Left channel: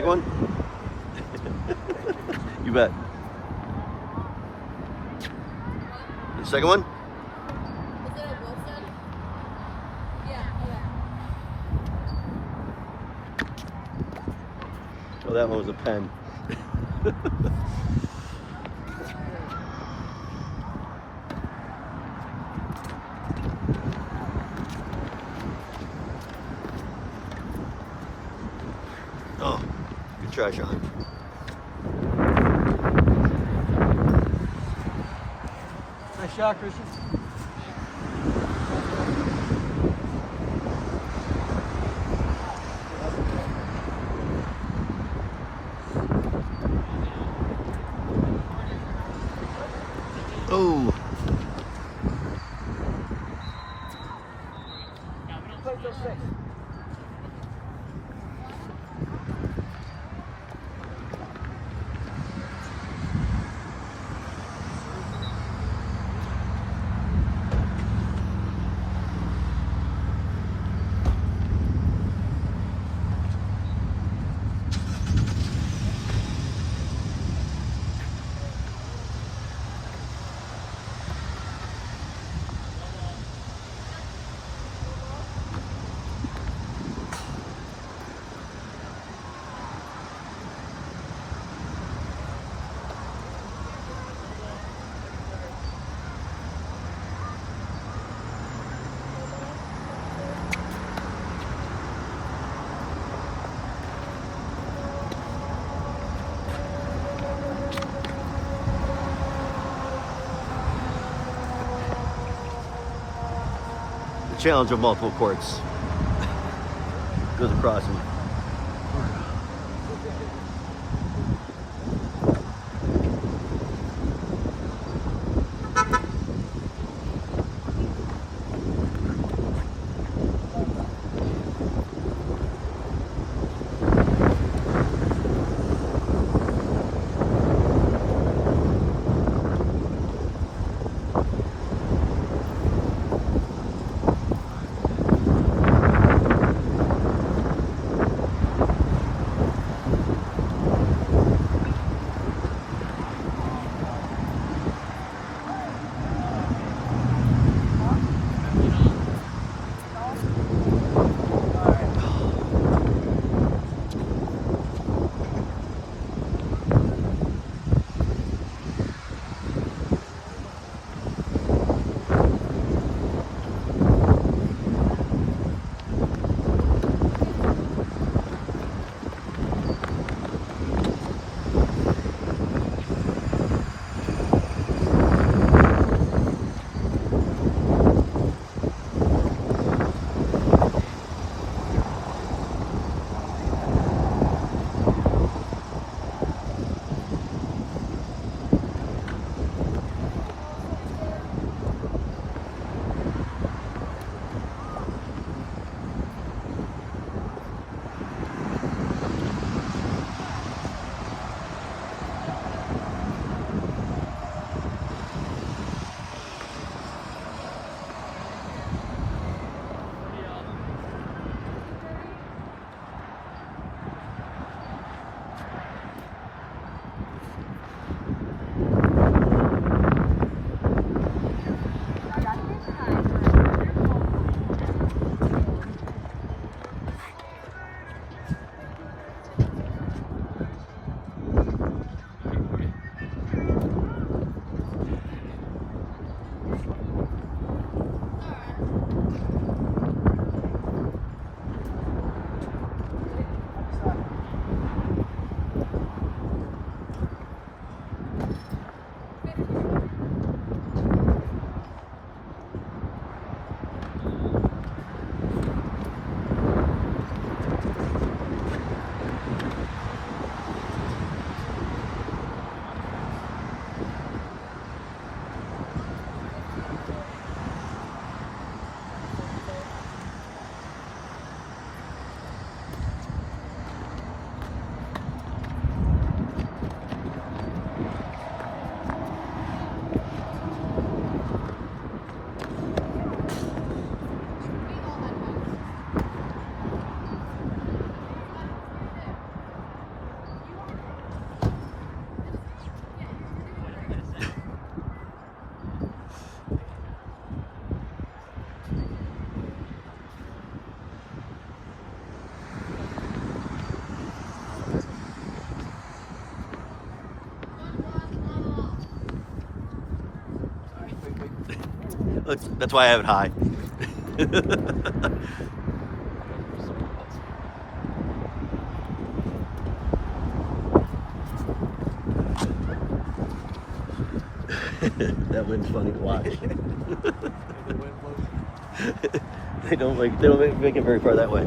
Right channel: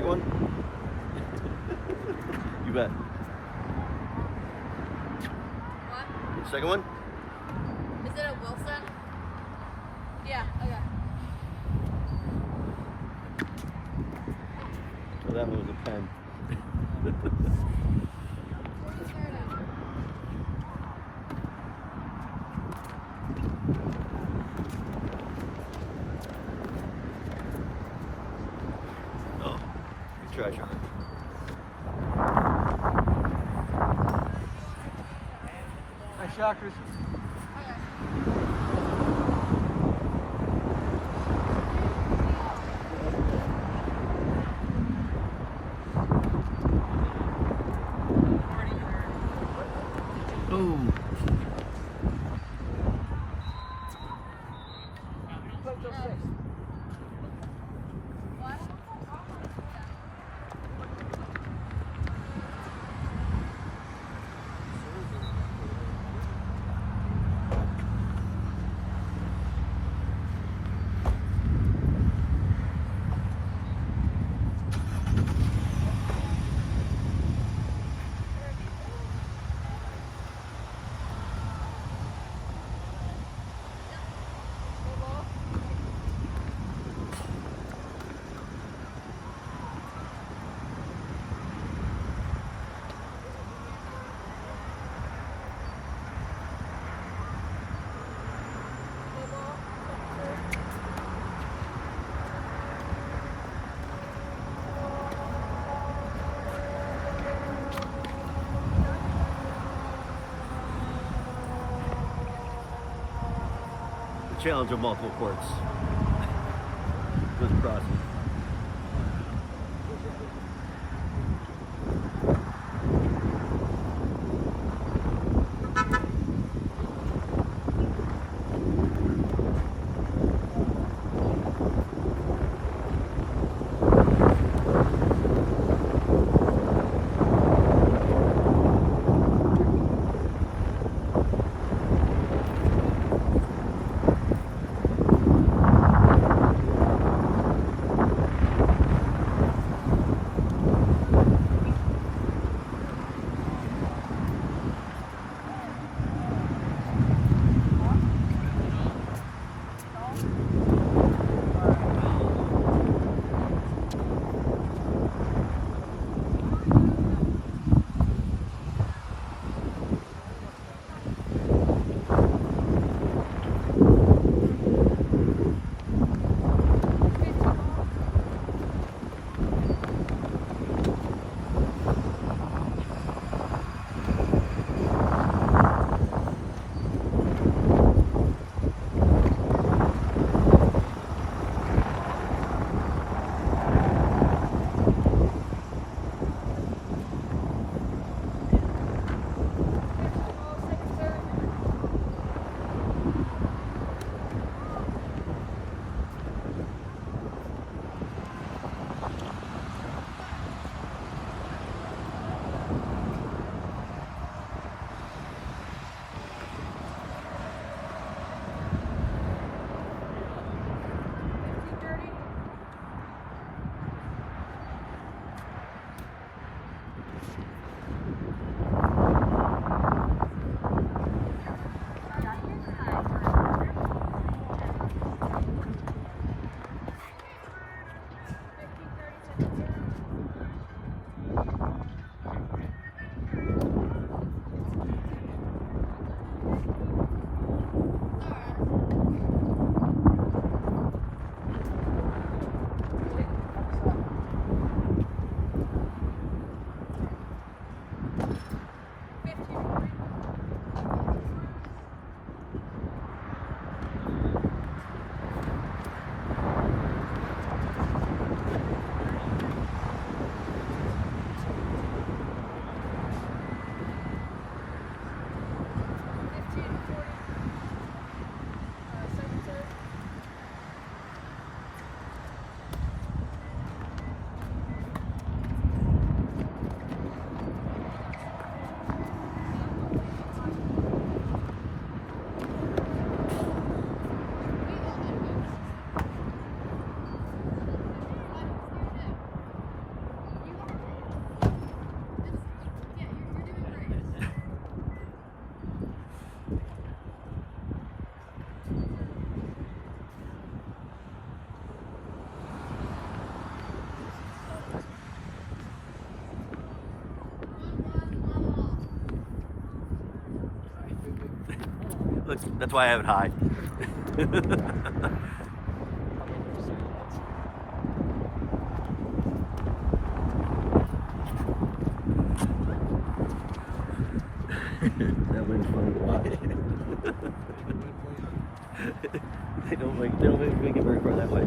Second one? You bet. What? Second one? Is it a Wilson? Yeah, okay. Oh, that one was a pen. Oh, good try, Sean. Nice shot, Christian. Oh. Challenge of multiple courts. Goes across them. That's why I have it high. That wind's funny to watch. They don't make it very far that way.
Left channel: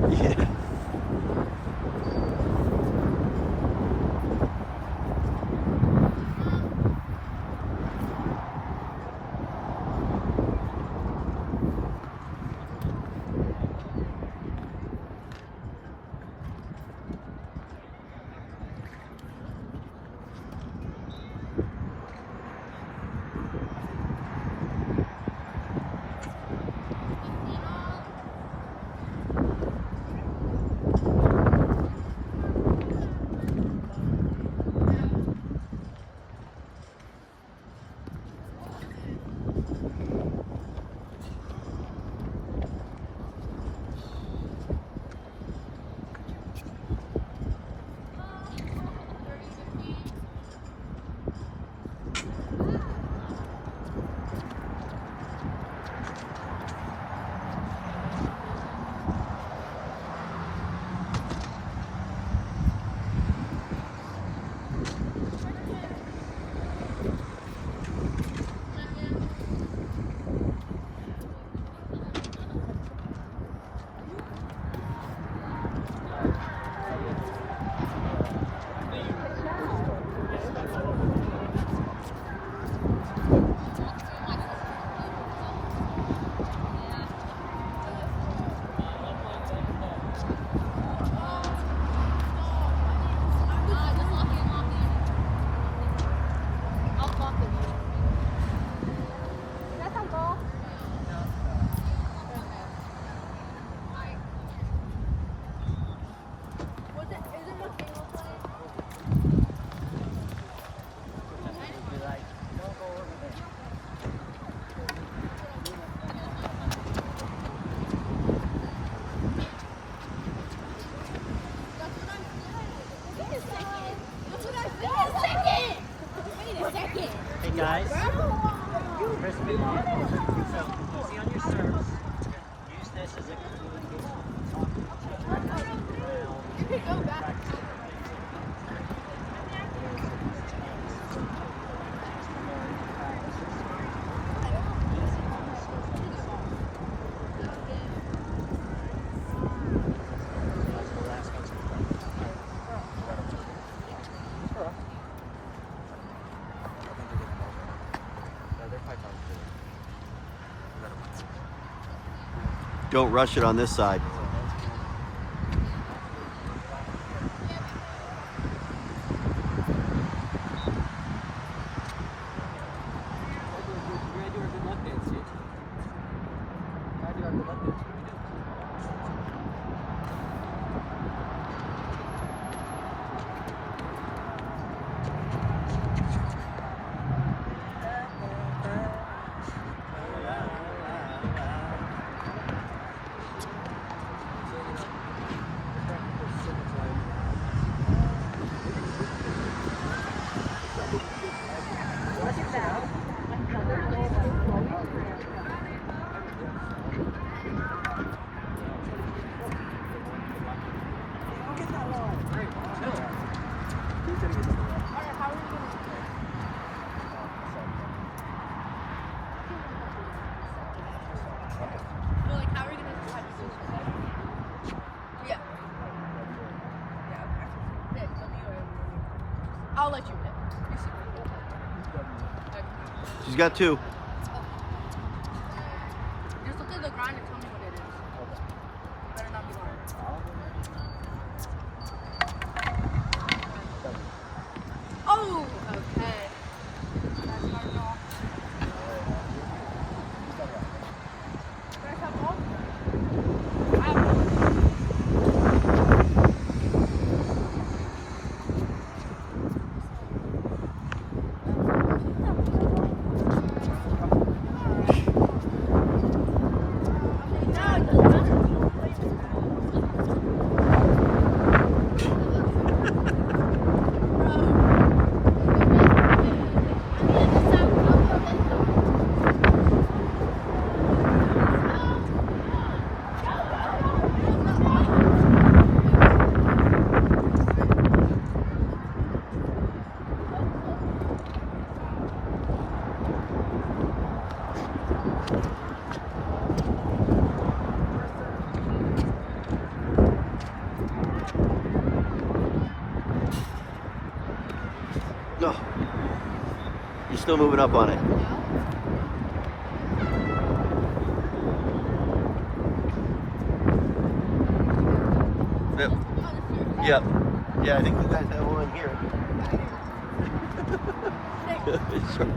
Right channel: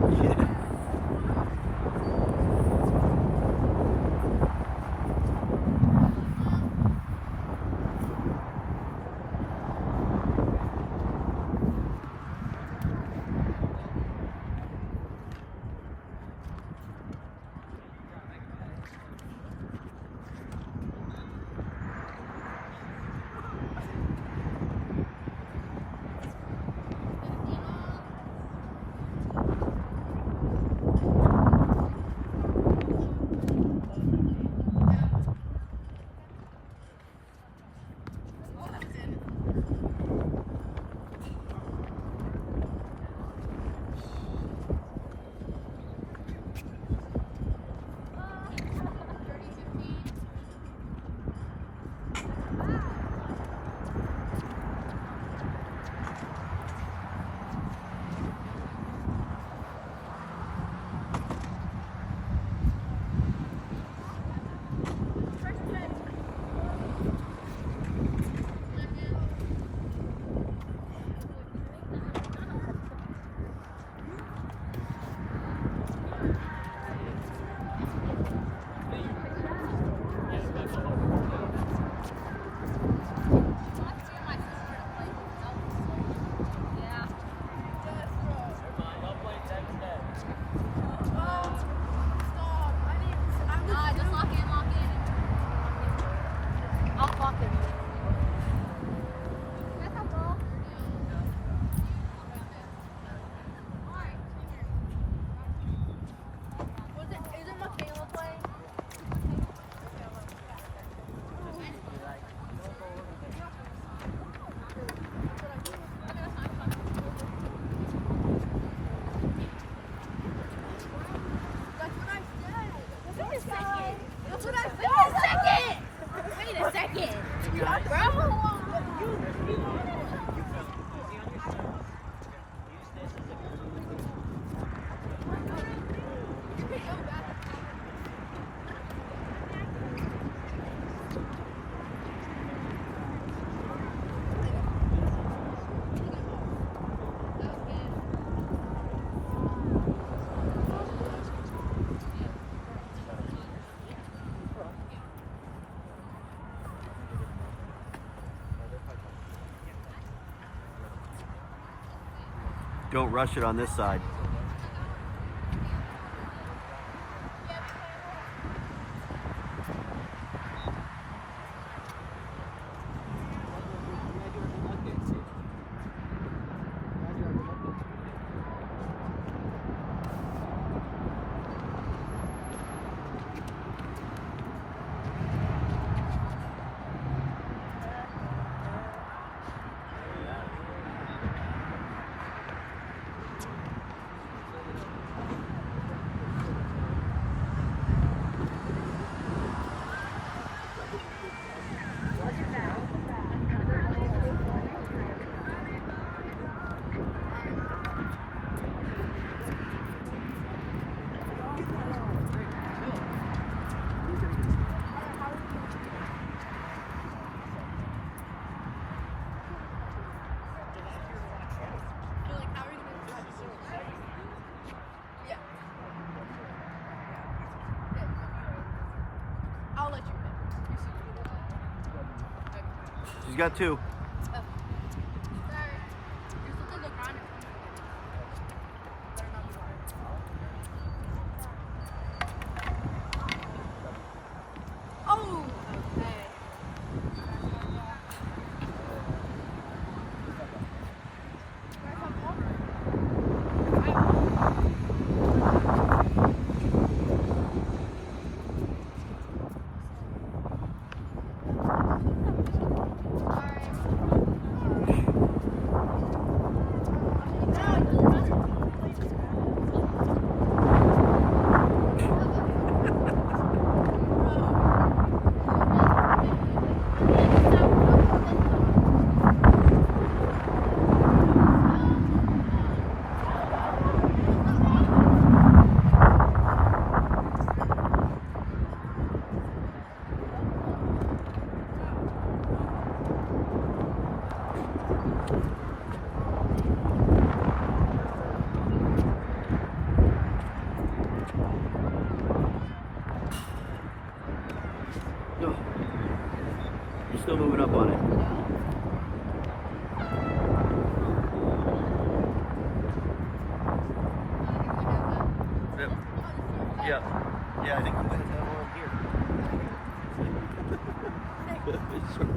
Hey guys. Crispy. Easy on your serve. Use this as a Don't rush it on this side. I'll let you hit. She's got two. Just look at the grind and tell me what it is. Better not be wrong. Oh, okay. No. You're still moving up on it. Yep. Yep. Yeah, I think you guys have one here. Sure.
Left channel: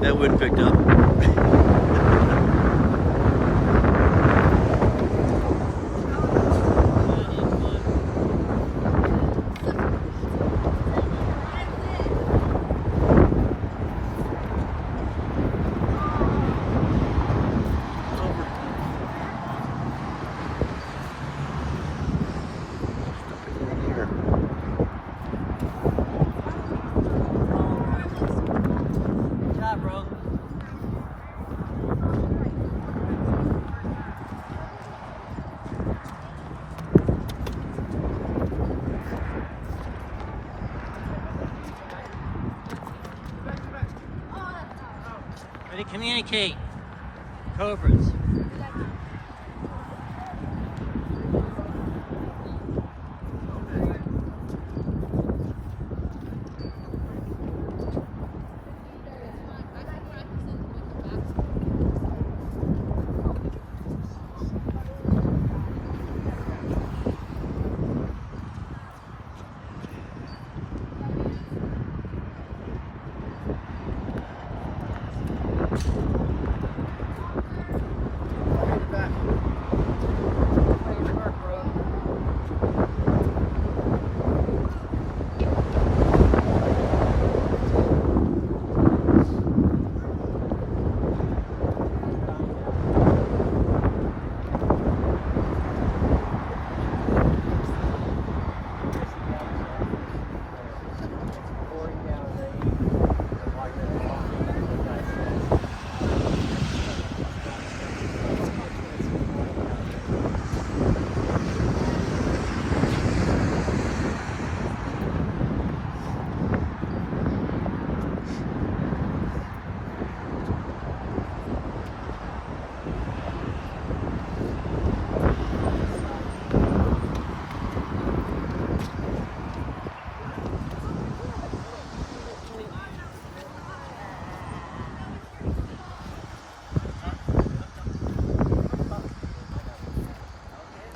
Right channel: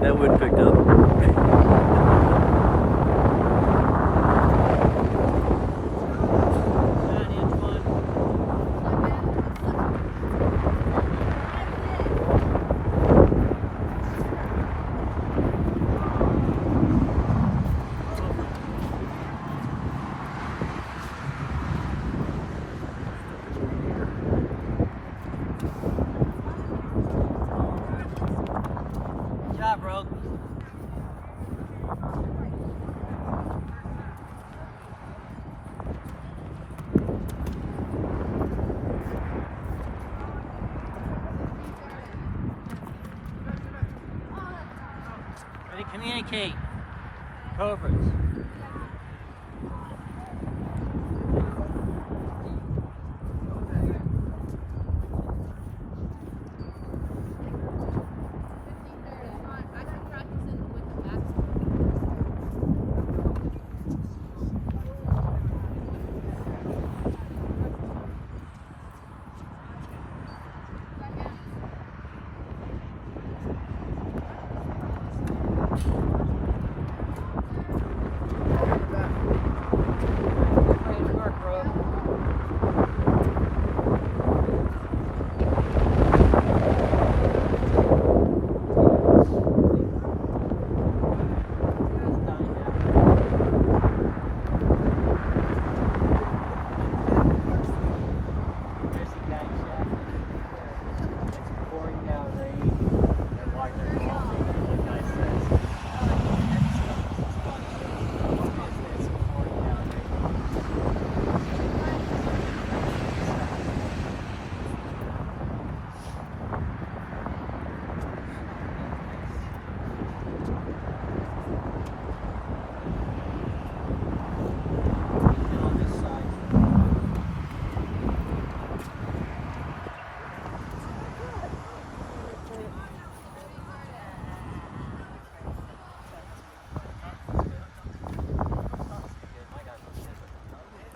That wind picked up. Good job, bro. Ready, communicate. Cobras.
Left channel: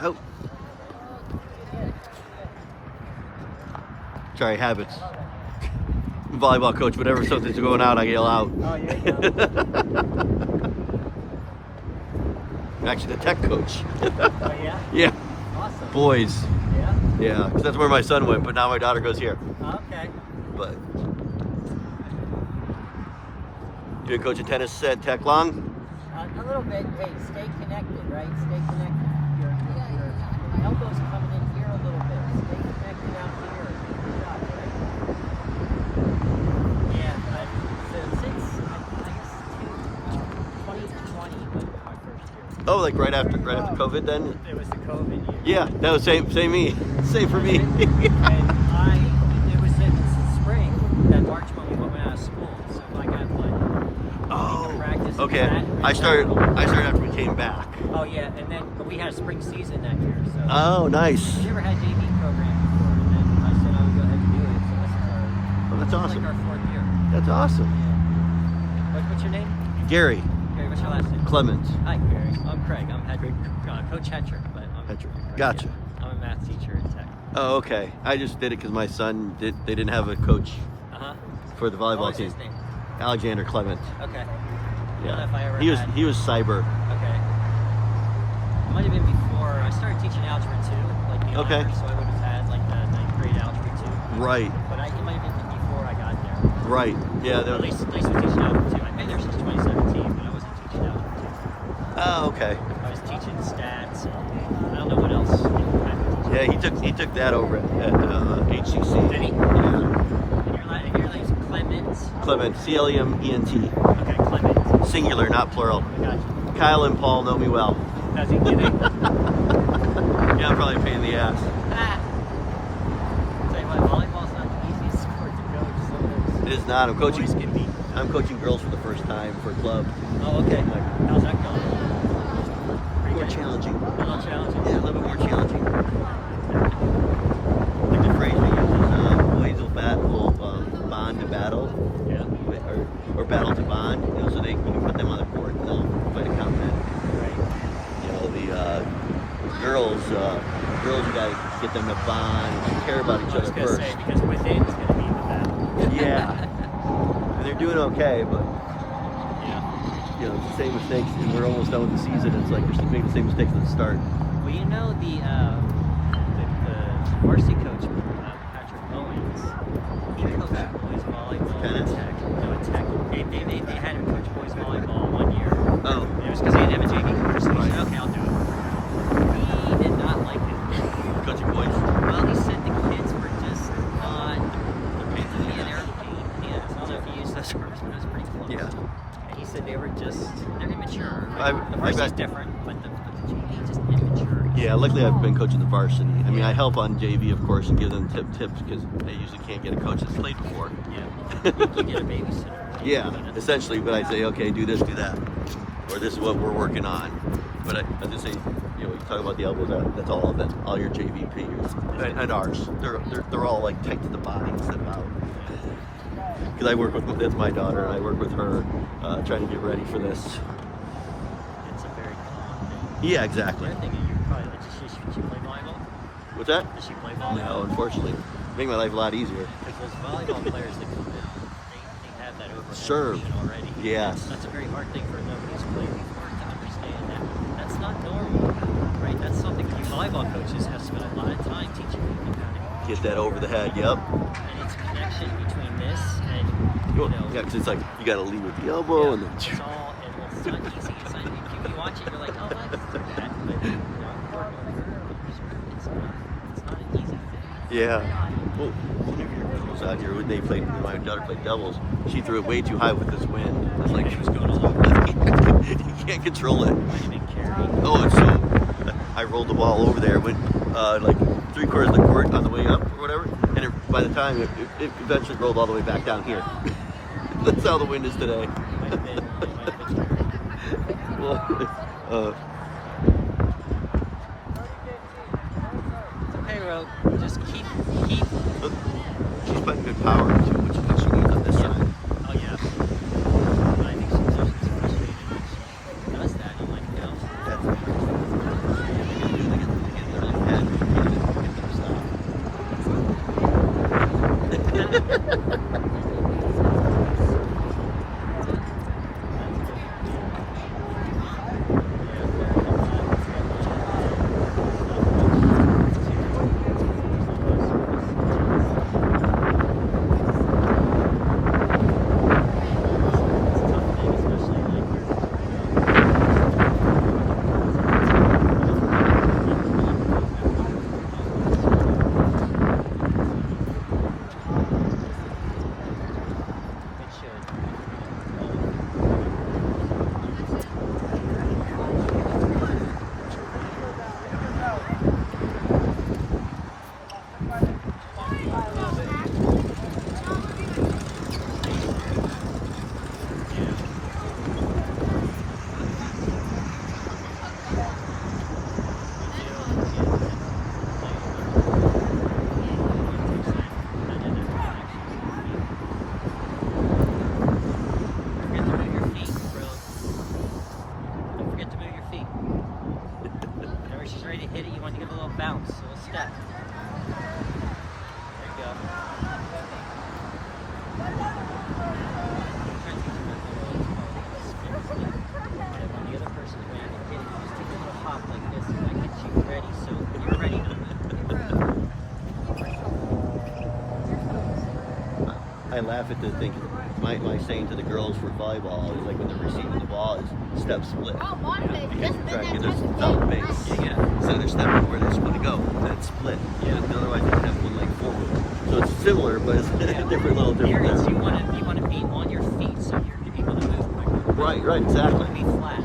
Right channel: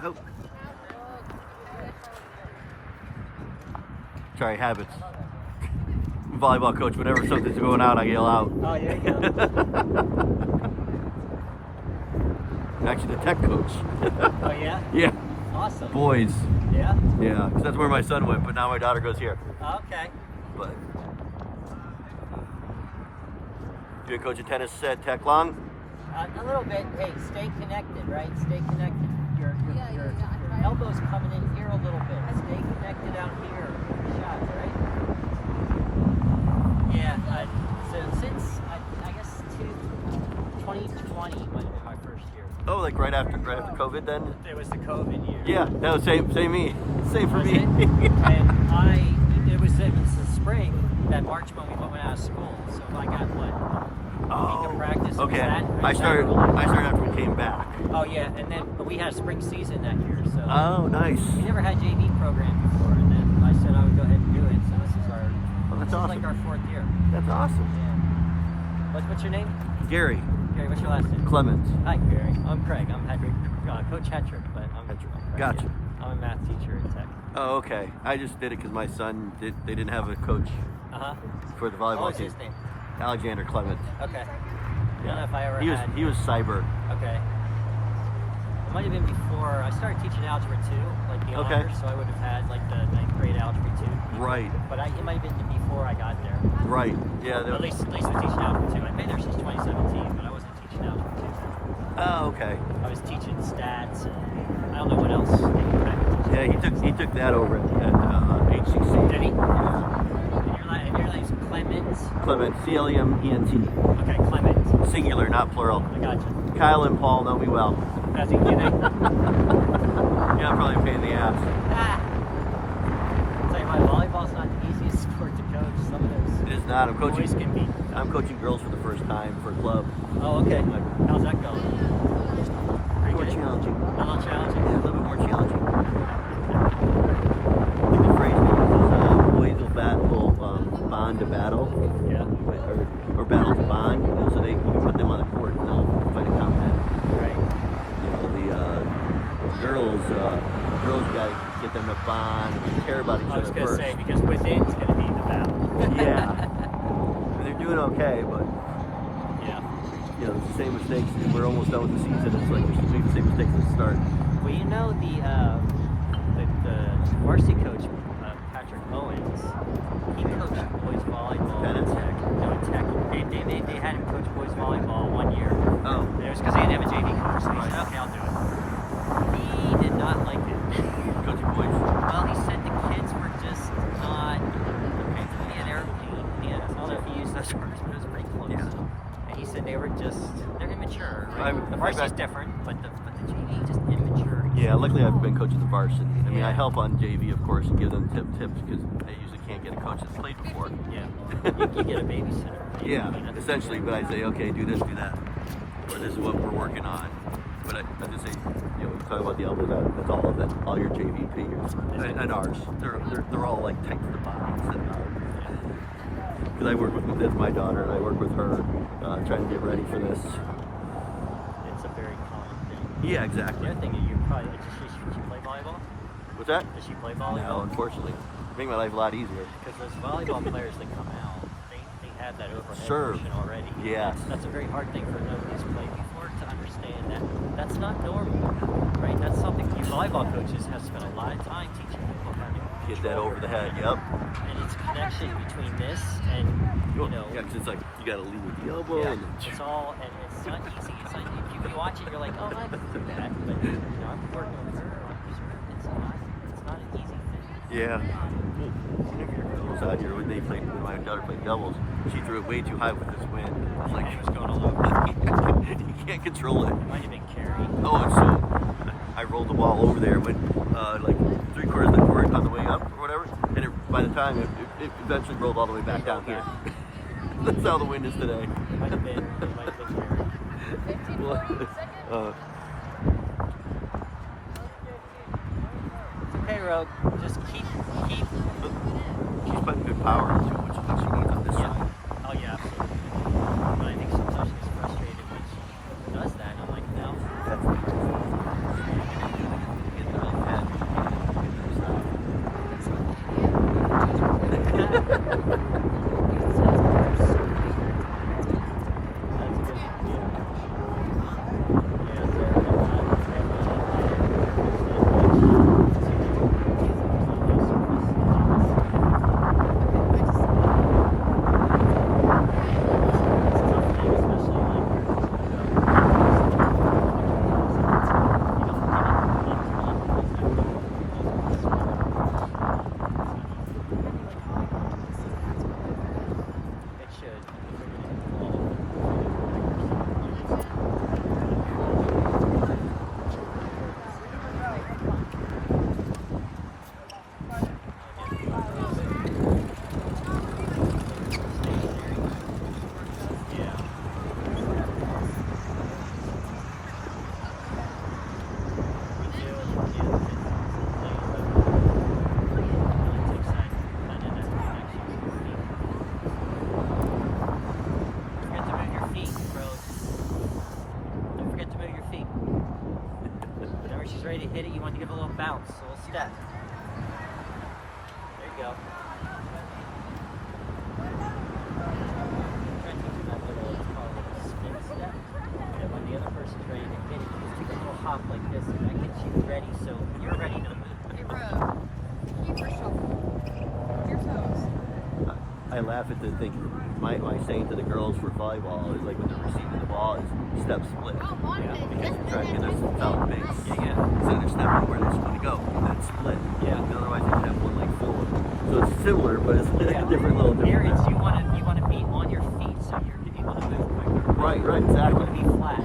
Oh. Sorry, habits. Volleyball coach, whenever something's going out, I yell out. Actually, the tech coach. Oh, yeah? Yeah, Awesome. boys. Yeah? Yeah, because that's where my son went, but now my daughter goes here. Okay. But you been coaching tennis at Tech long? A little bit. Hey, stay connected, right? Stay connected. Your elbow's coming in here a little bit. Stay connected out here. Right? Yeah, but since I guess 2020 was my first year. Oh, like right after COVID then? It was the COVID year. Yeah, that was same me. Same for me. And it was in spring, that March when we went out of school, so I got like Oh, practice. okay. That. I started after we came back. Oh yeah, and then we had a spring season that year. So Oh, nice. we never had JV program before, and then I said, "Oh, go ahead and do it." So Oh, that's it's awesome. like our fourth year. That's awesome. Like, what's your name? Gary Gary, what's your last name? Clemens. Hi, Gary. I'm Craig. I'm Hedrick. Coach Hedrick, but Gotcha. I'm a math teacher at Tech. Oh, okay. I just did it because my son they didn't have a coach Uh-huh. for the What volleyball was his team. name? Alexander Clement. Okay. Yeah. If I ever He was had- cyber. Okay. It might have been before I started teaching algebra 2. Like the Okay. honors, so I would have had like the ninth grade algebra 2. Right. But it might have been before I got there. Right. Yeah. There At was, least we're teaching algebra 2. I've been there since 2017, but I wasn't teaching algebra 2. oh, okay. I was teaching stats and I don't know what else. Yeah, he took that over at HCC. Did he? Yeah. And your name's Clement? Clement. Clement. Okay, Clement. Singular, not plural. I got you. Kyle and Paul know me well. Does he get it? Yeah, I'm probably a pain in the ass. Tell you what, volleyball's not the easiest sport to coach. Sometimes It is not. I'm boys coaching. can be. I'm coaching girls for the first time for a club. Oh, okay. I'm like, How's that going? more challenging. A little challenging. Yeah, a little bit more challenging. I think the phrase we use is boys will bond to battle, Yeah. or battle to bond. You know, so you can put them on the court and they'll fight a combat. You know, the girls you gotta get them to bond and like care about each I was other gonna first. say, because within's gonna be the battle. Yeah, and they're doing okay, but Yeah. you know, the same mistakes, and we're almost done with the season. It's like they're making the same mistakes at the start. Well, you know the varsity coach, Patrick Owens, he coached boys volleyball. Tennis? Tech. They had him coach boys volleyball 1 year. Oh, It was because he didn't have a JV coach. So he Right. said, okay, I'll do it. He did not like it. coaching boys. Well, he said the kids were just not. They're pains in the ass. Yeah, I don't know if he used those words, but it's pretty close. Yeah. And he said they're immature. I The varsity's bet. different, but the JV just immature. Yeah, luckily I've been coaching the varsity. I mean, I help on JV, of course, and give them tips because I usually can't get a coach that's played before. Yeah. You get a babysitter. Yeah, essentially, but I say, okay, do this, do that, or this is what we're working on. But I just say, you know, you talk about the elbows. That's all of it. All your JV peers and ours. They're all like tight to the body instead of out. Because I work with that's my daughter, and I work with her, trying to get ready for this. It's a very common thing. Yeah, exactly. I think you probably does she play volleyball? What's that? Does she play volleyball? No, unfortunately, make my life a lot easier. Because those volleyball players that come in, they have that overhead Serve. routine already. Yes. That's a very hard thing for nobody who's played before to understand that that's not normal, right? That's something you volleyball coaches have spent a lot of time teaching people how to Get that over the head. Yep. and it's a connection between this and you know, Yeah, because it's like you got to lead with the elbow, and then it's all and it's not easy. It's not, if you watch it, you're like, oh, this is you know, but you know, it's not an easy thing. yeah. Well, one of your girls out here, when my daughter played doubles, she threw it way too high with this wind. It was like She was going all over. you can't control it. I didn't carry. Oh, it's so. I rolled the ball over there, went like 3/4 of the court on the way up or whatever, and by the time it eventually rolled all the way back down here. That's how the wind is today. Well, Okay, Rogue. Just keep. she's putting good power into it, which is what she needs on this side. Oh yeah. But I think sometimes she's frustrated when she does that. I'm like, no. That's what they get their head, get them I laugh at the thing. My saying to the girls for volleyball is like when they're receiving the ball is step split because you're trying to get this solid base. Yeah. So they're stepping where they're supposed to go and then split. Yeah. And otherwise they can have one leg forward. So it's similar, but it's Yeah. different, little There different. is, There. you want to be on your feet so you're able to move quicker. Right, You exactly. want to be flat.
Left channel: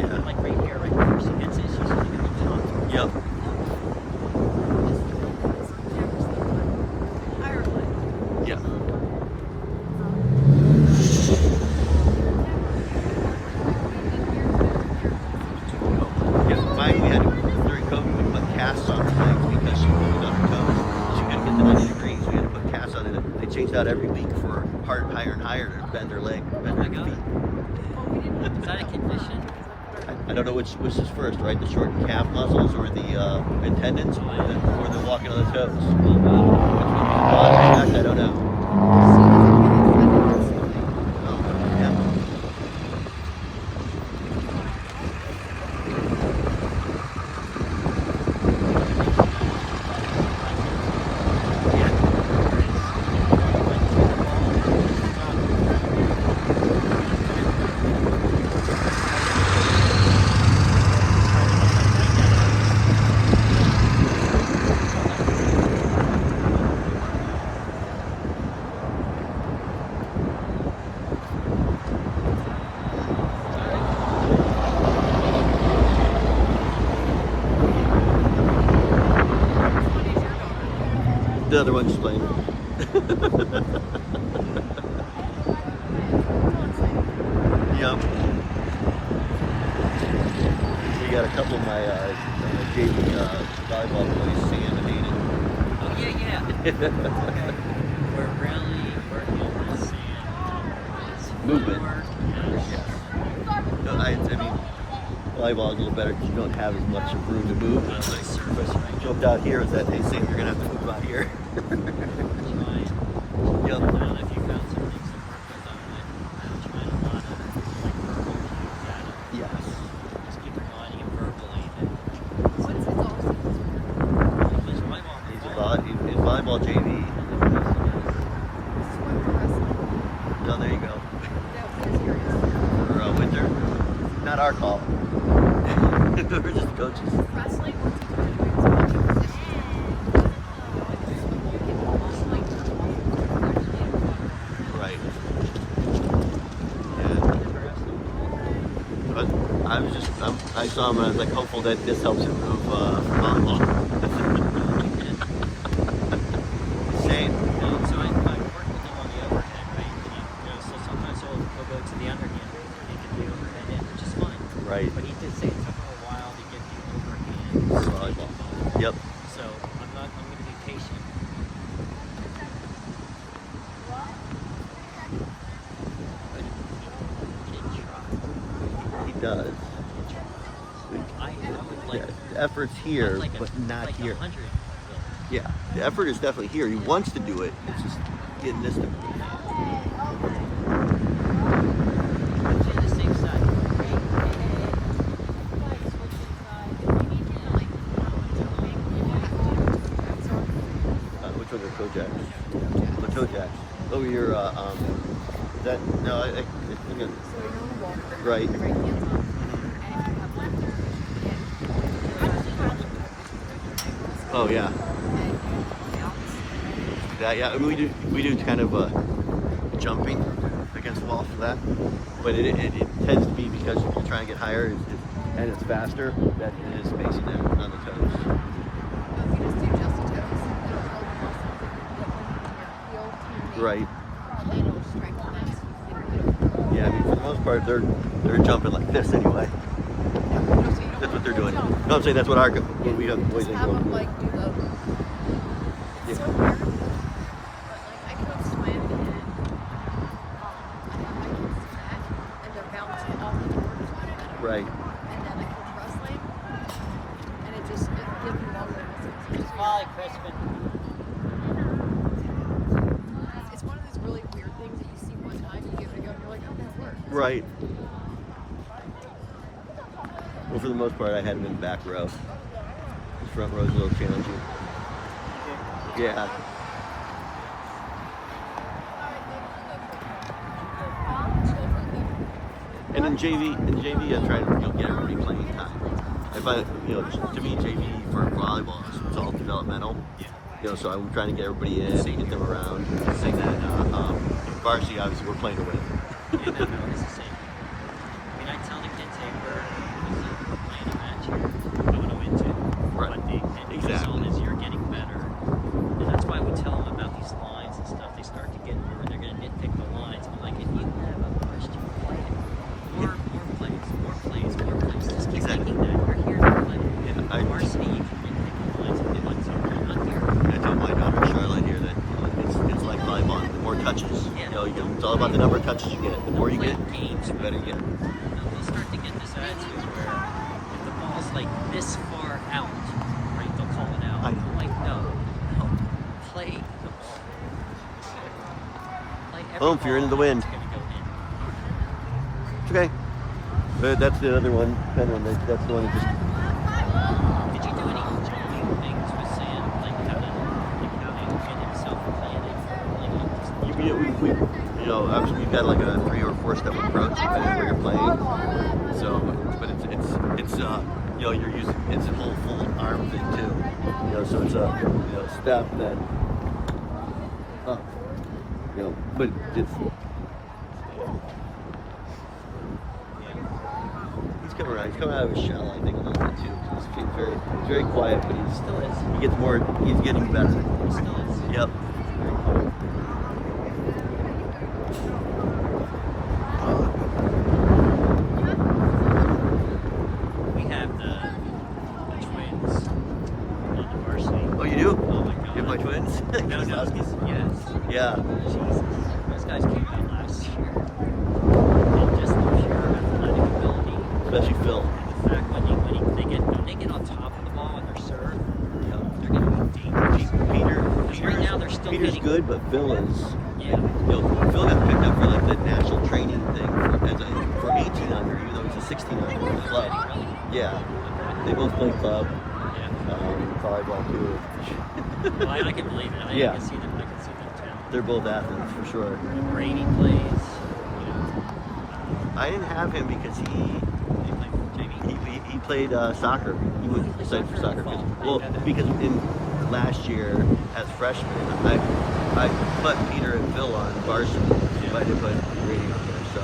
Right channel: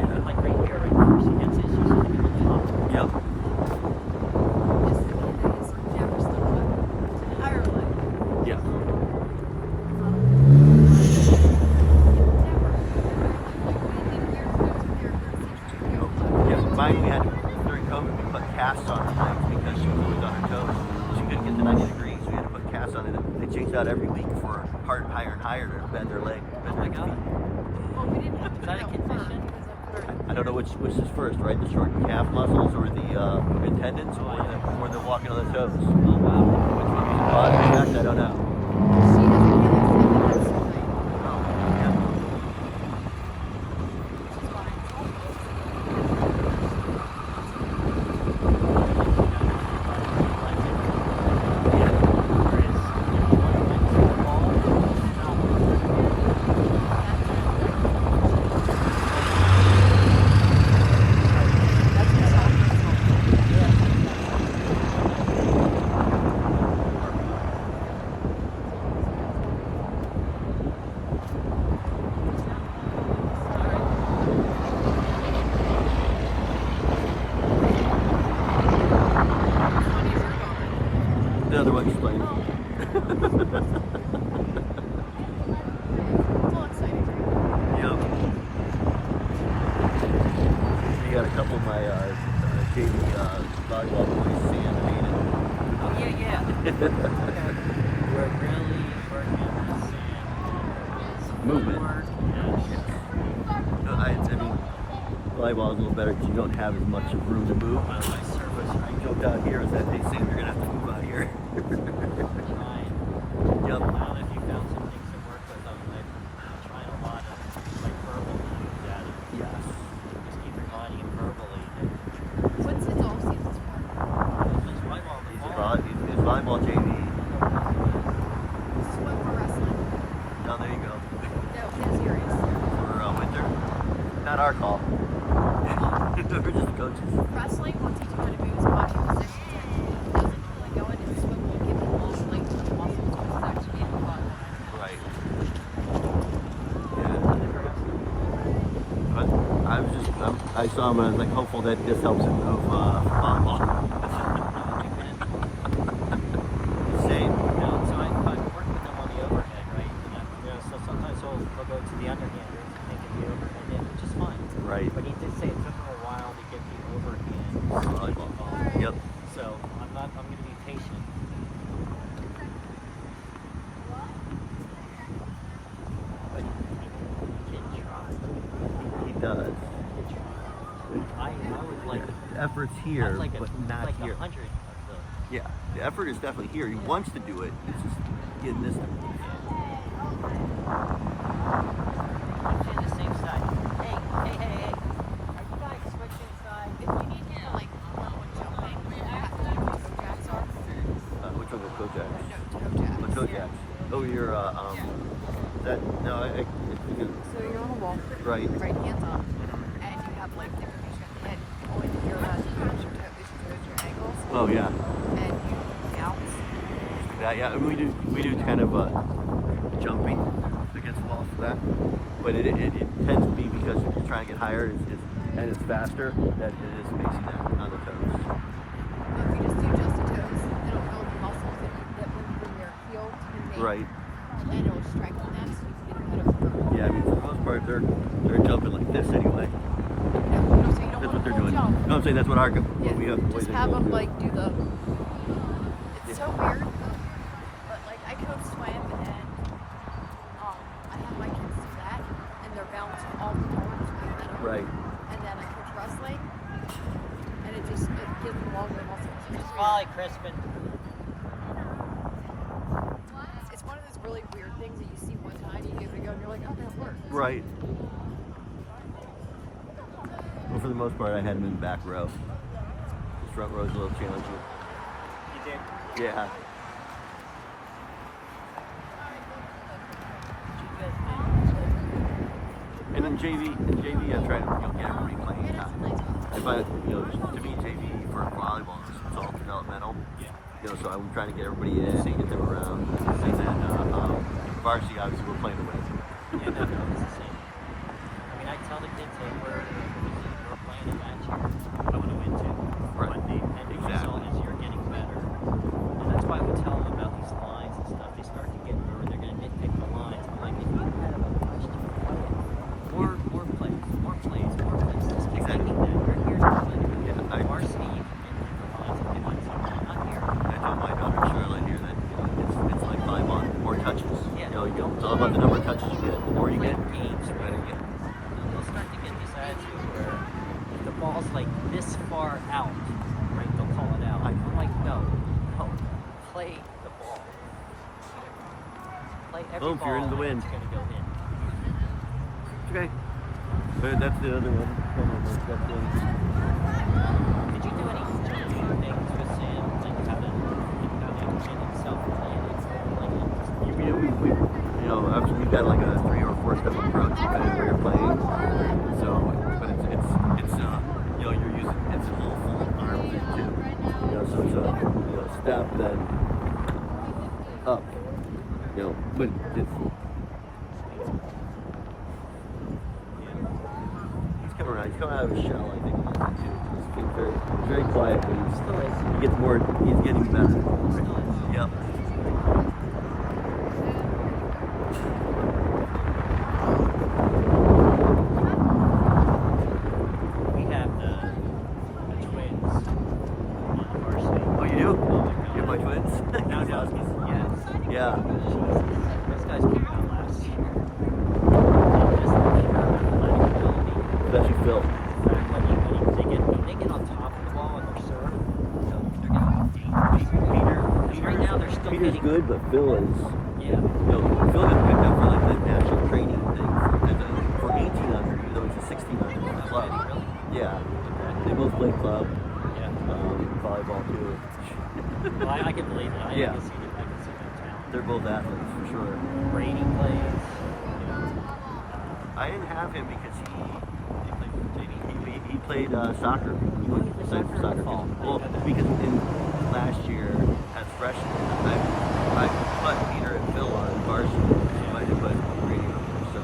Yeah. Like right here, my first against is usually at the top. Yep. Yeah. Oh, yeah. Mine, we had to, during COVID, we put casts on her legs because she was on her toes. She couldn't get to 90 degrees. We had to put casts on it. They changed out every week for higher and higher to bend her leg, bend her feet. Is that a condition? I don't know which is first, right? The shortened calf muscles or the tendons or the walking on the toes. Which one was the cause exact? I don't know. Oh, yeah. The other one's playing. Yep. We got a couple of my JV volleyball boys, Sam and Hayden. Oh, yeah. We're really working on this Movement. Yes. Yes. I mean, volleyball is a little better because you don't have as much of room to move. But I joked out here is that, hey Sam, you're gonna have to move out here. Yep. If you found some things that worked with them, like trying a lot of like verbal data, Yes. just keep providing it verbally. He's volleyball JV. No, there you go. For winter, not our call. We're just the coaches. Right. Yeah. But I saw him and I was like hopeful that this helps him move volleyball. Shame. So I work with him on the overhead, right? And so sometimes he'll go to the underhand and can do it, and it's just fine. Right. But he did say it took him a while to get the overhand. Volleyball. Yep. So I'm going to be patient. He does. I would like, Yeah, the effort's here, like but not like here. 100. Yeah, the effort is definitely here. He wants to do it. It's just getting this to. It's in the same side. Which ones are Kojaks? The Kojaks. Oh, you're that no, you can, right. Oh yeah. That yeah, I mean, we do kind of jumping against the wall for that, but it tends to be because if you're trying to get higher and it's faster that it is facing that on the toes. Right. Yeah, I mean for the most part they're jumping like this anyway. That's what they're doing. No, I'm saying that's what what we have boys and girls do. Like do the Yeah. I could swim and I have my kids do that and they're bouncing all the time. Right. And then I coach wrestling and it just gives me longer muscles. Bye, Crispin. It's one of those really weird things that you see one time, you give it a go, and you're like, oh, that works. Right. Well, for the most part, I had him in the back row. His front row is a little challenging. Yeah. in JV, I'm trying to get everybody playing time. I find, to me, JV for volleyball it's all developmental. So I'm trying to get everybody in and get them around, and then varsity, obviously, we're playing to win. And I know it's the same. And I tell the kids, hey, we're playing a match. I want to win too. Right. And Exactly. So you're getting better. And that's why we tell them about these lines and stuff. They start to get, when they're going to nitpick the lines. I'm like, if you have a question, play it. More plays. Just keep thinking that. We're here to play. Yeah, Varsity, you can nitpick the lines if you want to. Not here. I told my daughter Charlotte here that it's like volleyball. The more touches, Yeah. it's all about the number of touches you get. The more you get, Games, the better you get. They'll start to get this attitude where if the ball's like this far out, right, they'll call it out. I know. I'm like, no, play the ball. Play every Boom, if you're ball into the and wind. it's gonna go in. It's okay. But that's the other one. That one. That's the one that just. Did you do any jumping things with Sam and how to find himself playing it? Obviously we've got like a 3 or 4 step approach depending on where you're playing. So, but it's you're using it's a full arm thing too. So it's a step that. But it's. He's coming around. He's coming out of his shell, I think, a little bit too. He's very quiet, but he gets more. He's getting better. Yep. We have the twins on the varsity. Oh, you do? Oh my God. You have my twins? Kozlowski's? Yes. Yeah. Jesus. Those guys came in last year. And just the pure athletic ability. Especially Phil. The fact that when they get on top of the ball with their serve, they're going to be dangerous. Right now they're still Peter's getting, good, but Phil is. Yeah. Phil got picked up for like the national training thing for 18 under, even though he's a 16 under in the club. Yeah. They both play club, volleyball too. Well, I can believe it. I can see them talent. They're both athletes for sure. Brady plays, I didn't have him because he played for JV. he played soccer. He went decided for soccer. Well, because in last year as freshmen, I put Peter and Phil on varsity, but I didn't put Brady on there. So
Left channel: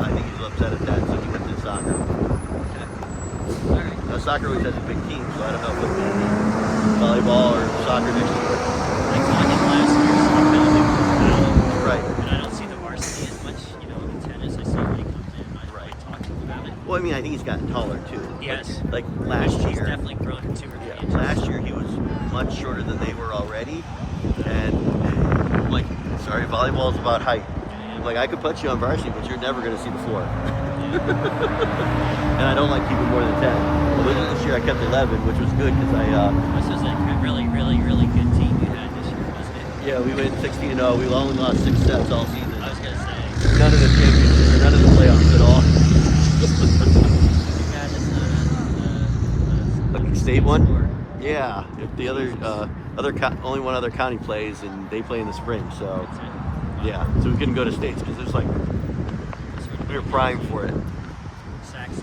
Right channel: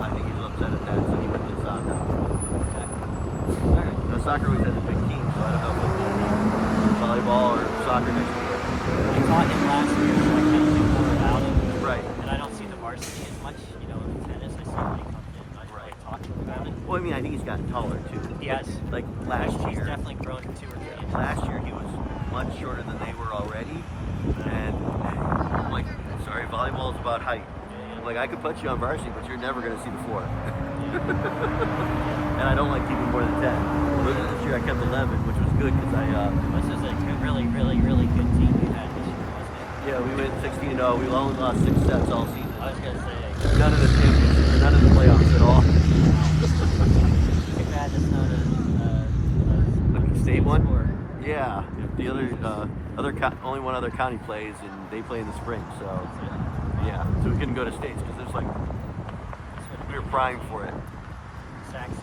I think he was upset at that, so he went to soccer. Now soccer always has a big team, so I don't know if it'll be volleyball or soccer next year. I taught him last year, so I kind of knew about it. Right. And I don't see the varsity as much, in tennis. I see when he comes in. I talk to him about it. Well, I mean, I think he's gotten taller too. Yes. Like last He's year. definitely grown 2 or 3 inches. Last year he was much shorter than they were already, and I'm like, sorry, volleyball is about height. I'm like, I could put you on varsity, but you're never going to see the floor. And I don't like keeping more than 10. Well, this year I kept 11, which was good because This is a really, really, really good team you had this year, wasn't it? yeah, we went 16-0. We only lost 6 sets all season. I was going to say. None of the championships, or none of the playoffs at all. You had this, A state one? Yeah. If the only one other county plays, and they play in the spring. So yeah, so we couldn't go to states because there's like we were primed for it. Saxon,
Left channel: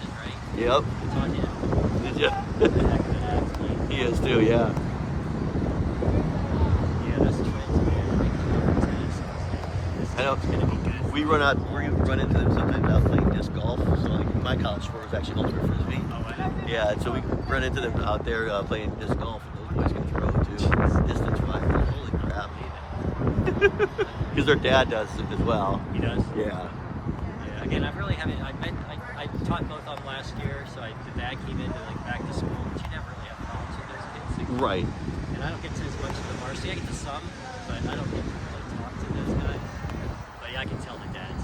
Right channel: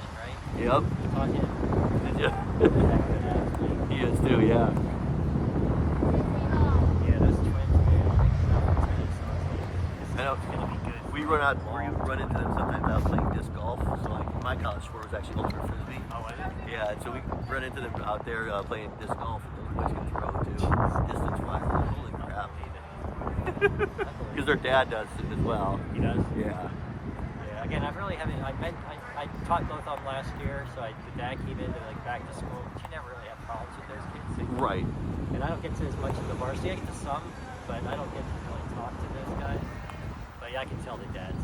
right? Yep. You taught him. Did you? Heck of an athlete. He is too. Yeah. Yeah, that's twins, man. They came up with teams. I know. It's gonna be good. We run into them sometimes out playing disc golf. So like my college sport was actually ultimate frisbee. Oh, was it? Yeah, and so we run into them out there playing disc golf, and those boys can throw too, distance wise. Holy crap! Because their dad does it as well. He does? Yeah. Yeah, again, I really haven't. I taught both of them last year, so the dad came into back to school, but you never really have problems with those kids. Right. And I don't get to as much of the varsity. I get to some, but I don't get to really talk to those guys. But yeah, I can tell the dads.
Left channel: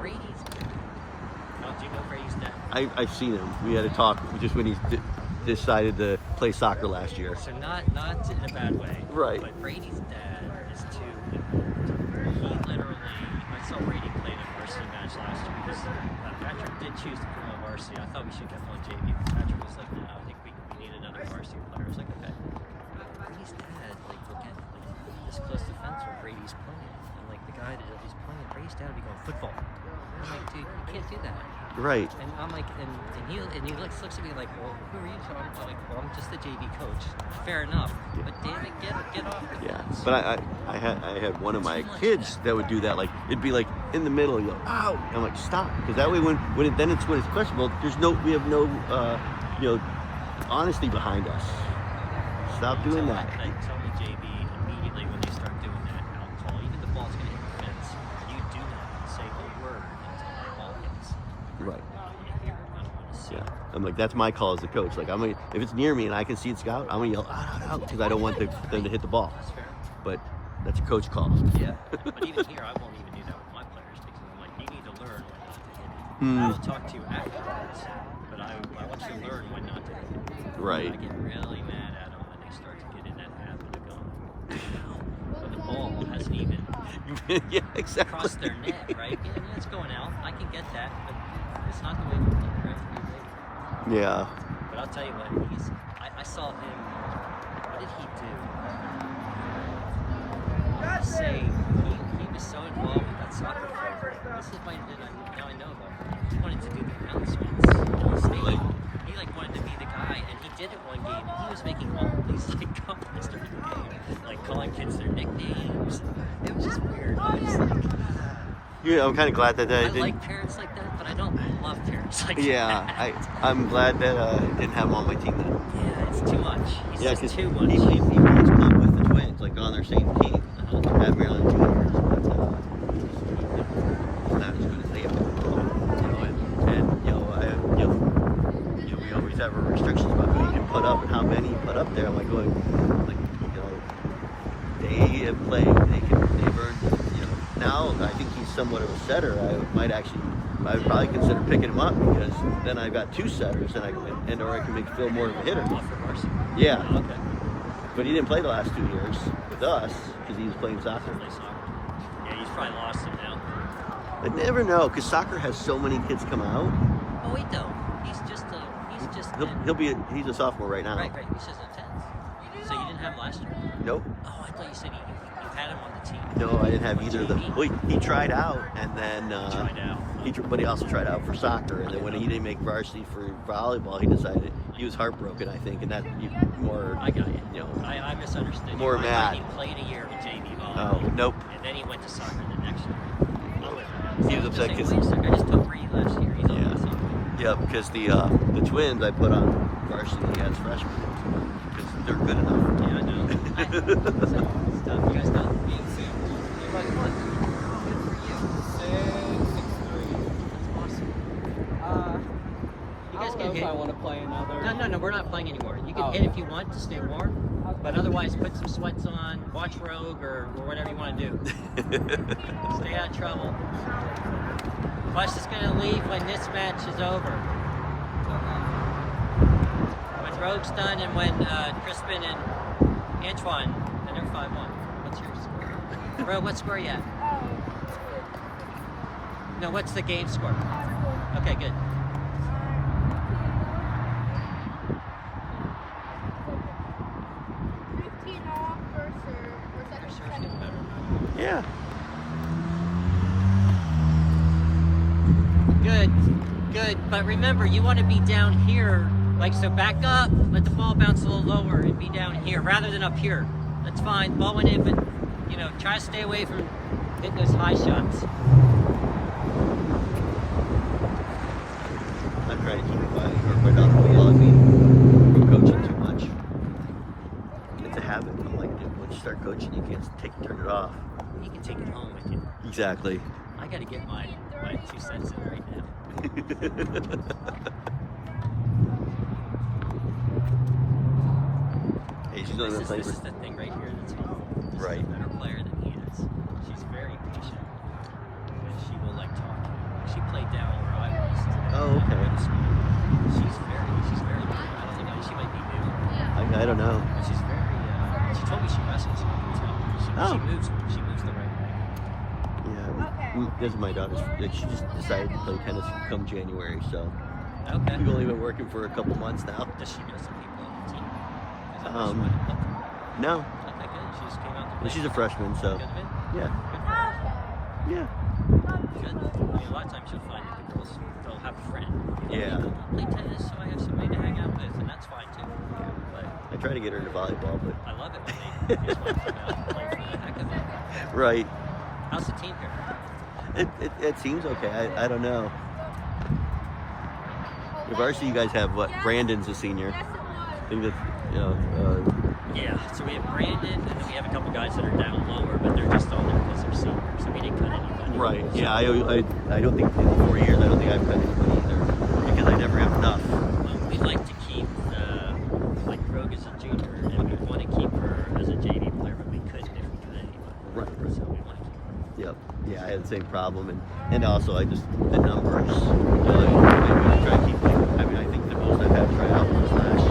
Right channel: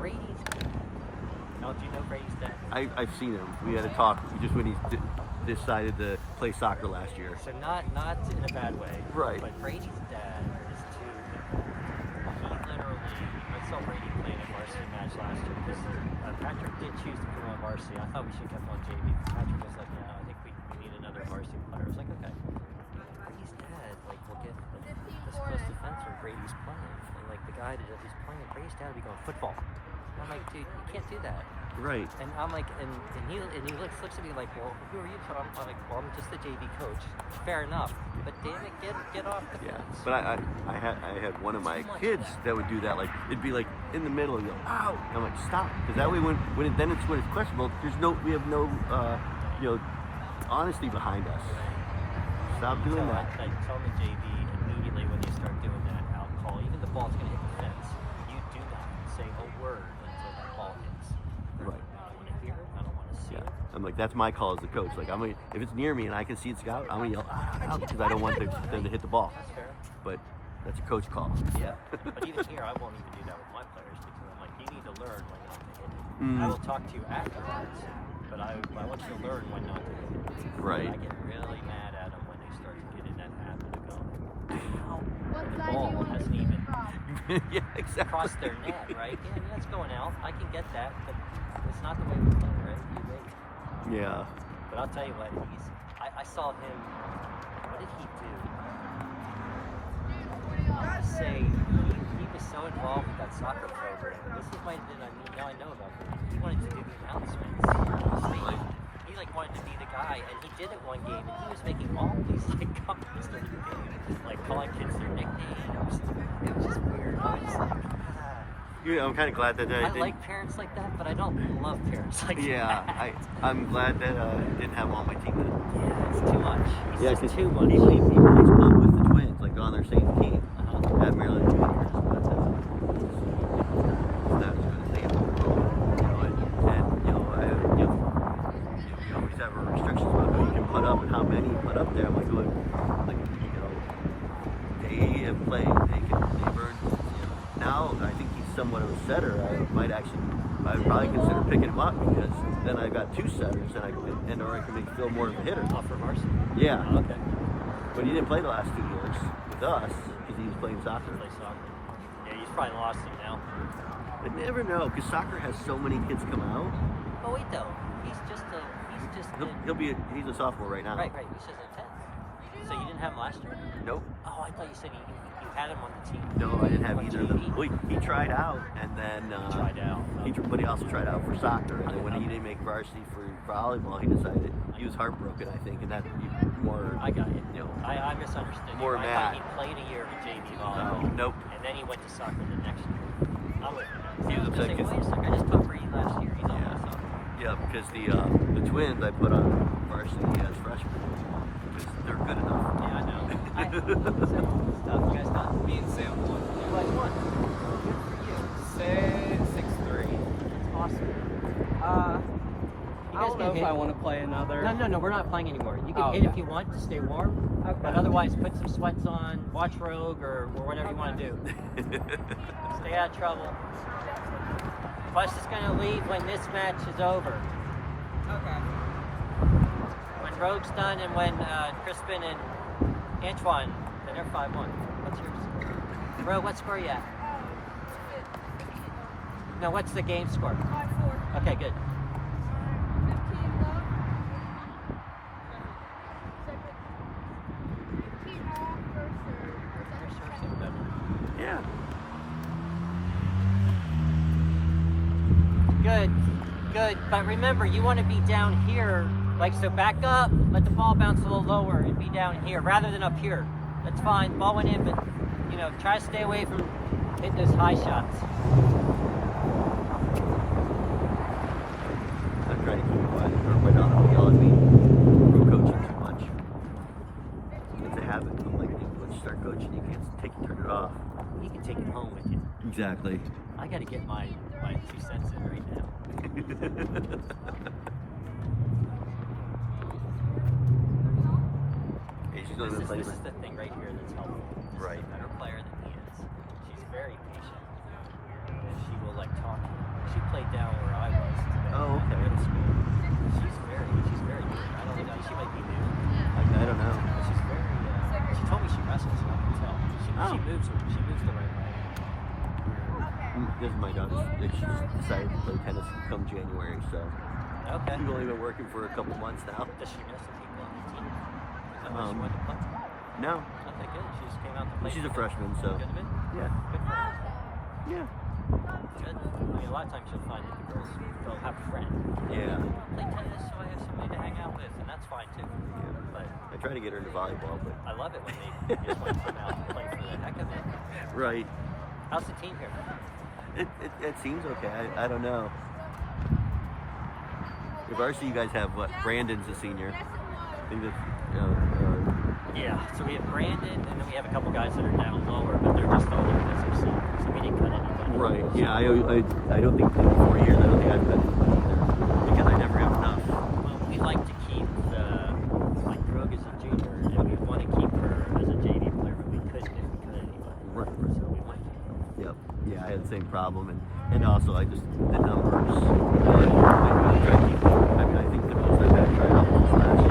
Brady's good. Oh, do you know Brady's dad? I've seen him. We had a talk just when he decided to play soccer last year. So not in a bad way. Right. But Brady's dad is too involved. He literally, I saw Brady play in a varsity match last year because Patrick did choose to put him on varsity. I thought we should have kept on JV. Patrick was like, no, I think we need another varsity player. I was like, okay. Brady's dad will get this close to fence where Brady's playing, and the guy that is playing, Brady's dad will be going football. I'm like, dude, you can't do that. Right. And I'm like, and he looks at me like, well, who are you? I'm like, well, I'm just the JV coach. Fair enough. But David, get off the Yeah. fence. But I had one of my kids that would do that. Like it'd be like in the middle, yell, "Ow!" I'm like, stop, because that way when it's questionable, we have no honesty behind us. Stop doing that. I tell the JV immediately when you start doing that out call, even the ball's gonna hit the fence. You do not say a word until the ball hits. Right. I don't want to see Yeah. it. I'm like, that's my call as a coach. Like if it's near me and I can see it's out, I'm gonna yell out because I don't want them to hit the ball. That's fair. But that's a coach call. Yeah. But even here, I won't even do that with my players because I'm like, you need to learn when not to hit it. I will talk to you afterwards, but I want you to learn when not to hit it. Right. I get really mad at them when they start to get in that habit of going, ow, What when the side ball do you want hasn't even Yeah, exactly. crossed their net, right? Yeah, it's going out. I can get that, but it's not the way we play, right? You're ready. Yeah. But I'll tell you what, I saw him, what did he do? I want to say he was so involved with that soccer program. This is my, now I know about him. He wanted to do the announcements. Really? He wanted to be the guy, and he did it one game, and he was making all these comments during the game, like calling kids their nicknames. It was just weird. I was like, Yeah, I'm kind of glad that I I didn't. like parents like that, but I don't love parents like Yeah, that. I'm glad that didn't have him on my team then. Yeah, it's too much. He's Yeah, just because too much. he plays club with the Twins, like on their same team Uh-huh. at Maryland Juniors. But he's not as good as they are. We always have our restrictions about who you can put up and how many you put up there. I'm like going, they have played, they've earned, Now I think he's somewhat of a setter. I would probably consider picking him up because then I've got two setters and or I can make Phil more of a hitter. Oh, for varsity. Yeah, Okay. but he didn't play the last 2 years with us because he was playing soccer. Play soccer. Yeah, he's probably lost it now. I never know because soccer has so many kids come out. Oh, wait, no. He's He's a sophomore right now. Right. He's just a 10th. So you didn't have him last year? Nope. Oh, I thought you said you had him on the team. No, I didn't have either of them. JV? Well, he tried out and then Tried out. but he also tried out for soccer. And then when he didn't make varsity for volleyball, he decided he was heartbroken. I think, and that more. I got you. I misunderstood. More you. mad. He played a year in JV Oh, volleyball. nope. And then he went to soccer the next year. He was upset because. I just took Reed last year. He's on Yeah. soccer. Yeah, because the Twins I put on varsity as freshmen because they're good enough. Yeah, I know. So, stuff. You guys done? Me and Sam. What? 6'3". Awesome. You guys I don't can know if hit. I want to play another. No, we're not playing anymore. You can Oh, hit okay. if you want to stay warm, but otherwise put some sweats on, watch Rogue or whatever you want to do. Stay out of trouble. Plus, it's going to leave when this match is over. When Rogue's done and when Crispin and Antoine, and they're 5-1. What's yours? Rogue, what score are you at? No, what's the game score? 5-4. Okay, good. 15 love. 15 off Your first serve's getting better. Yeah. Good. But remember, you want to be down here. Like, so back up, let the ball bounce a little lower and be down here rather than up here. That's fine. Ball went in, but, try to stay away from hitting those high shots. I'm trying to keep it quiet, or my daughter will yell at me from coaching too much. It's a habit. I'm like, dude, once you start coaching, you can't turn it off. You can take it home with you. Exactly. I got to get my 2 cents in right now. Hey, she's only been playing This for. is the thing right here that's helpful. This Right. is a better player than he is. She's very patient. And she will talk to him. She played down where I was. Oh, okay. In school. She's very good. I don't know, she might be new. I don't know. But she's very, she told me she wrestles. So I can tell. Oh. She moves the right way. Yeah, this is my daughter's. Like, she just decided to play tennis come January, so Okay. we've only been working for a couple months now. Does she know some people on the team? Is that Um, what she wanted to play? No, Okay, good. She just came out to play. she's a freshman, so Good of it? yeah, Good for her. yeah. Good. good. I mean, a lot of times you'll find that the girls, they'll have a friend. Yeah. Play tennis, so I have somebody to hang out with, and that's fine too. Yeah. But I try to get her into volleyball, but I love it when they just want to come out and play for the heck of it. right. How's the team here? It seems okay. I don't know. Your varsity, you guys have what? Brandon's a senior. I think that's Yeah, so we have Brandon, and then we have a couple guys that are down lower, but they're just all there because they're seniors, so we didn't cut anybody. right. Yeah, I don't think in 4 years I don't think I've cut anybody either because I never have enough. We like to keep like Rogue as a junior, and we want to keep her as a JV player, but we couldn't if we cut anybody. Right. So we want to keep her. Yep. Yeah, I had the same problem, and also I just the numbers. I try to keep. I mean, I think the most I've had try out was last year.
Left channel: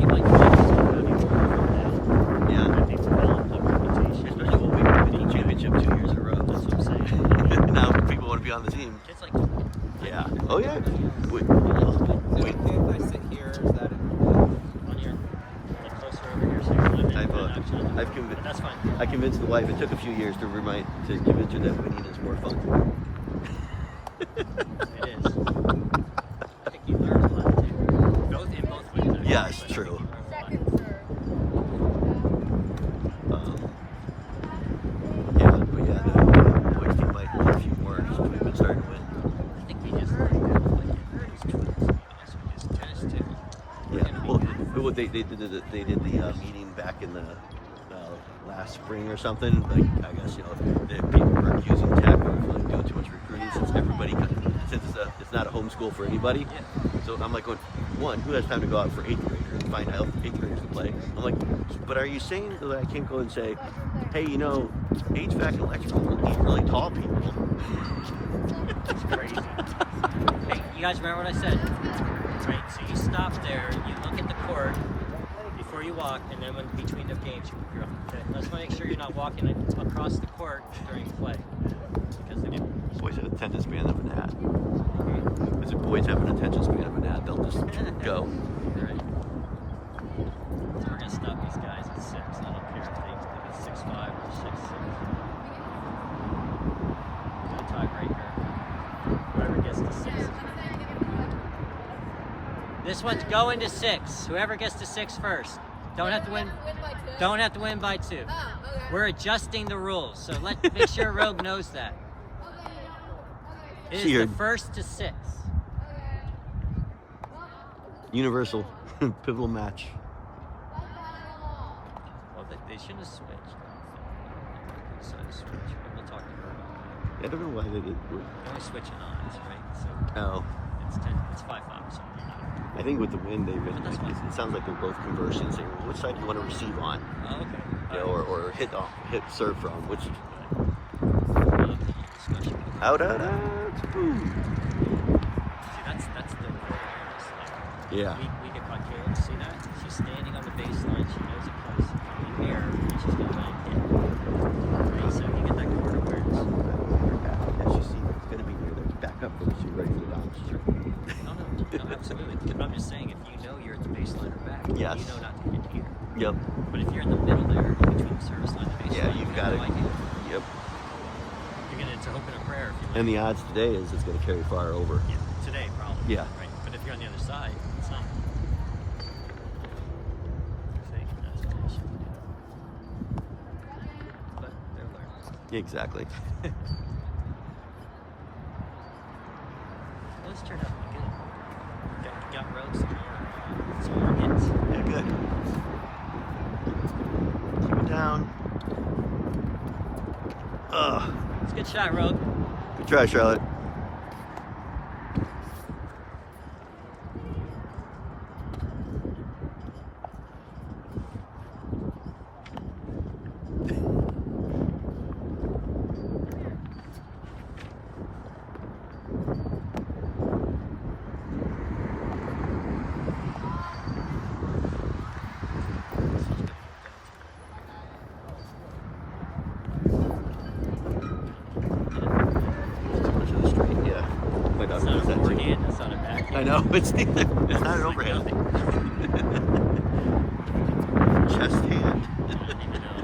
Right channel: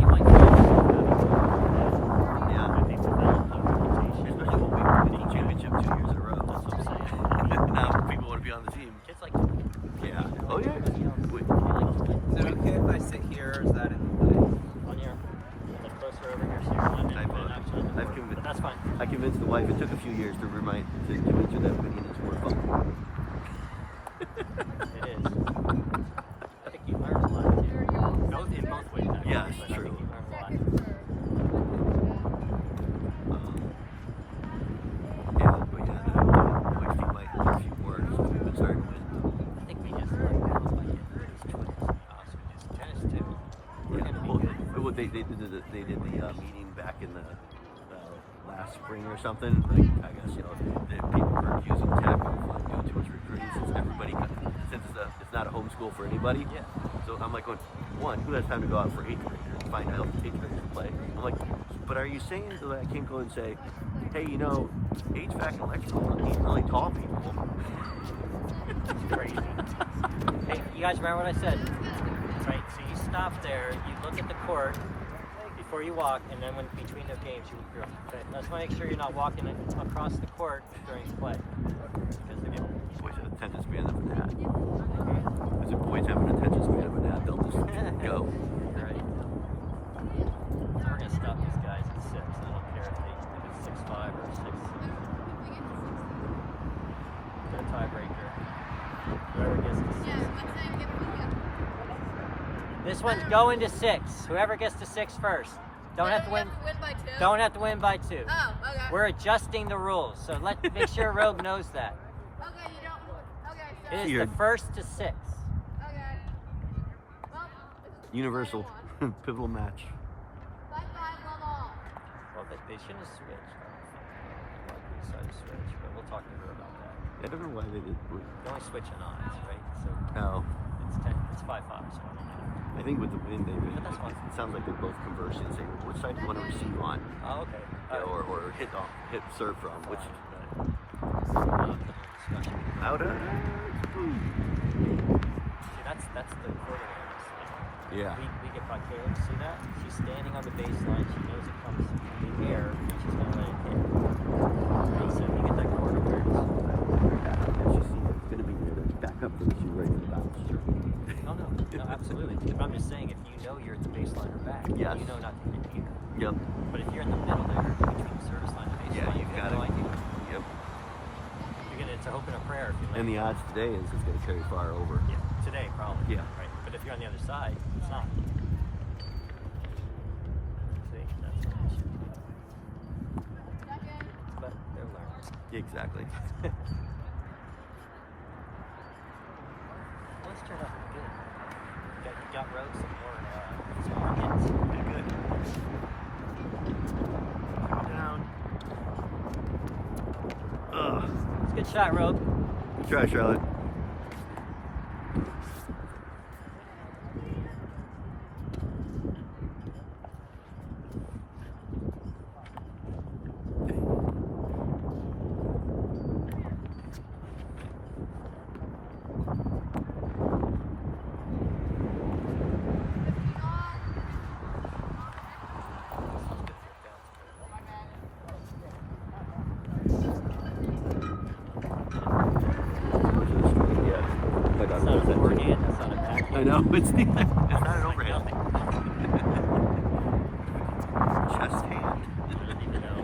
You might find yourself having more than Yeah. I think develop the reputation. Especially when we won the championship 2 years in a row. That's what I'm saying. Now people want to be on the team. Kids like to win. Yeah. Oh yeah. Is it Wait. okay if I sit here, or is that in the On here, get closer over here, so you can I've but that's fine. I convinced the wife. It took a few years to convince her that winning is more fun. It is. I think you learn a lot too. Both in both ways. Yeah, it's true. Yeah, but yeah, the boys team might need a few more. So we've been starting to win. I think we just like these twins, to be honest with you. Tennis too. Yeah. Well, they did the meeting back in the last spring or something. Like I guess the people were accusing Tech of like doing too much recruiting since it's not a home school for anybody. Yeah. So I'm like going, one, who has time to go out for 8th graders and find out if 8th graders can play? I'm like, but are you saying that I can't go and say, hey, HVAC and electrical need really tall people? It's crazy. Hey, you guys remember what I said? Right, so you stop there, you look at the court before you walk, and then when between the games you run. Okay? Let's make sure you're not walking across the court during play. Because again, Boys have attention span of a gnat. As if boys have an attention span of a gnat, they'll just go. so we're gonna stop these guys at 6. I don't care if it's 6'5" or 6'6". No tie right here. Whoever gets to 6. This one's going to 6. Whoever gets to 6 first. Don't have to win. By 2? Don't have to win by 2. Oh, okay. We're adjusting the rules, so make sure Rogue knows that. Okay, you don't. Okay, so. It See is her. the first to 6. Okay. Well, Universal. Pivotal match. bye bye, love all. Well, they shouldn't have switched. So switch, but we'll talk to her about that. I don't know why they did. You want to switch it on, right? So Oh, it's 5-5. Sorry, no. I think with the wind they've been. But that's fine. It sounds like they're both conversing, saying, "Well, which side do you want to receive on?" Oh, okay. Or hit serve from. Which Discussion. out. Ooh. See, that's the important thing. Yeah. We get caught Caleb. See that? She's standing on the baseline. She knows it comes in the air, and she's gonna land it. Right, so you get that court awareness. As you see, it's going to be near the back up for the shoot right for the bounce. No, absolutely. But I'm just saying, if you know you're at the baseline or back, Yes. you know not to hit here. Yep. But if you're in the middle there, between the service line and the baseline, Yeah, you've got no it. idea. Yep. It's a hope and a prayer. If you And the odds today is it's going to carry far over. yeah, today, probably. Yeah. Right? But if you're on the other side, it's not. See, that's what they should do. But they're learning. Exactly. Those turned out pretty good. Got Rogue some more hits. Yeah, good. Down. Ugh. It's a good shot, Rogue. Good try, Charlotte. Yeah. My dog It's not does a that too. forehand, it's not a backhand. I know, it's neither. It's not an overhand. Chest hand. I don't even know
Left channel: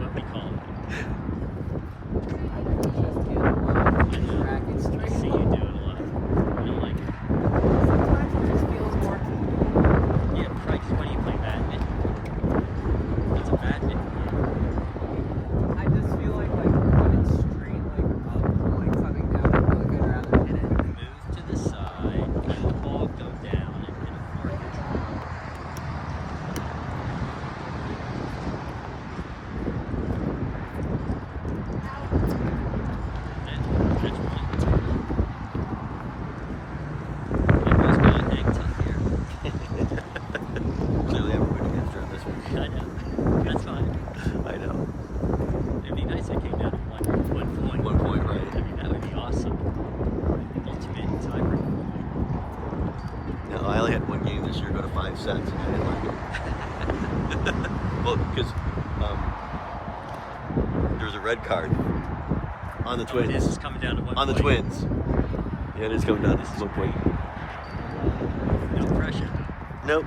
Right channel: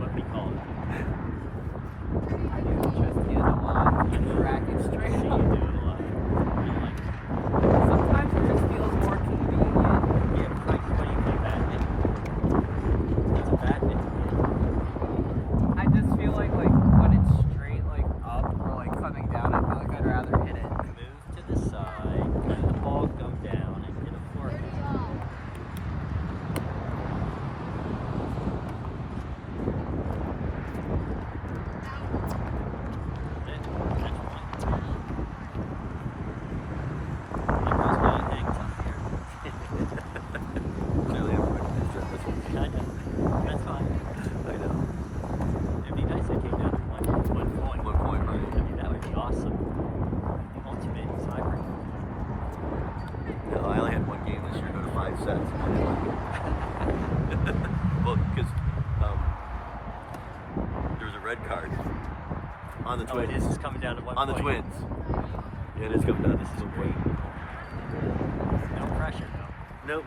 what we call it. 5 sets, and I didn't like it. Well, because there was a red card on the Twins. This is coming down to 1 On the point. Twins. Yeah, it is coming down. This is 1 point. No pressure. Nope.